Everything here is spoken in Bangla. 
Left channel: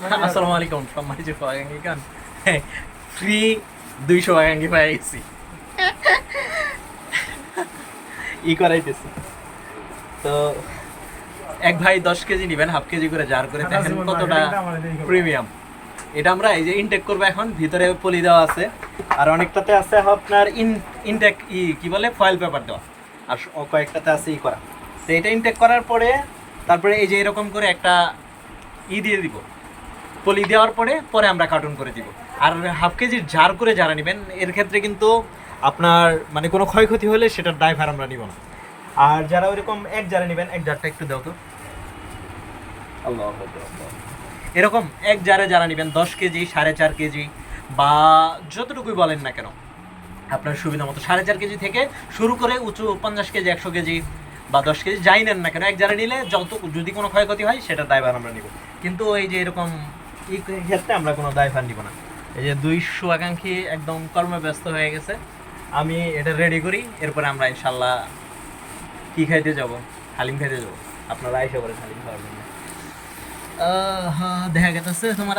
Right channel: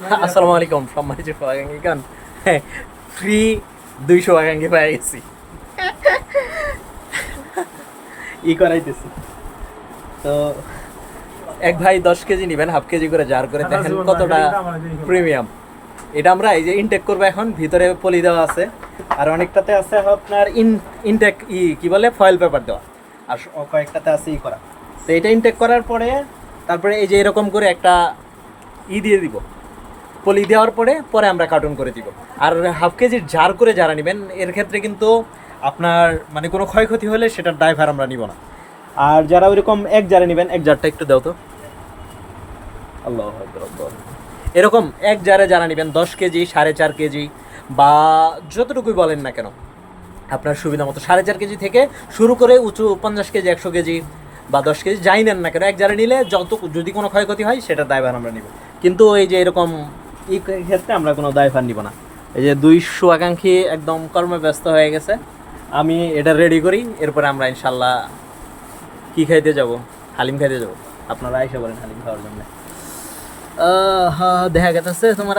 আসসালামু আলাইকুম সম্মানিত সহযোগিকান ফ্রি 200 আকাঙ্ক্ষী পেয়ে গেছি করাইতেছি তো এক ভাই 10 কেজি নেবেন, হাফ কেজি করে জার করে দেখেন কতটা প্রিমিয়াম। এটা আমরা এই যে ইনটেক করবো, এখন ভিতরে পলি দেওয়া আছে আর অনেকটাতে আছে আপনার ইনটেক কি বলে ফয়েল পেপার দেওয়া, আর কয়েকটাতে আছে করা। তো এটা ইনটেক করার পরে তারপরে এই যে এরকম করে একটা দিয়ে দিব, পলি দেওয়ার পরে পরে আমরা কার্টুন করে দিব। আর হাফ কেজির জার করে যারা নেবেন এর ক্ষেত্রে কিন্তু আপনার মানে কোনো ক্ষয়ক্ষতি হলে সেটার দায়ভার আমরা নিব না। আর যারা ওইরকম এক জারে নেবেন, এক জারটা একটু দাও তো, আল্লাহ এরকম এক জারে যারা নেবেন 10 কেজি 4.5 কেজি বা যতটুকুই বলেন না কেন আপনার সুবিধা মতো 4.5 কেজি থেকে শুরু করে উঁচু 50 কেজি 100 কেজি বা 10 কেজি যাই নেন না কেন, এক জারে নিলে যত যদি কোনো ক্ষয়ক্ষতি হয় সেটা দায়ভার আমরা নিব। কিন্তু এই যে এরকম এই ক্ষেত্রে আমরা কোনো দায়ভার নিব না। এই যে 200 আকাঙ্ক্ষী একদম কর্মব্যস্ত হয়ে গেছে, আমি এটা রেডি করি, এরপরে আমরা ইনশাল্লাহ কি খাইতে যাব, হালিম খাইতে যাব। আপনারা আইসা বলেন হালিম খাওয়ার জন্য। দেখা গেছে তোমার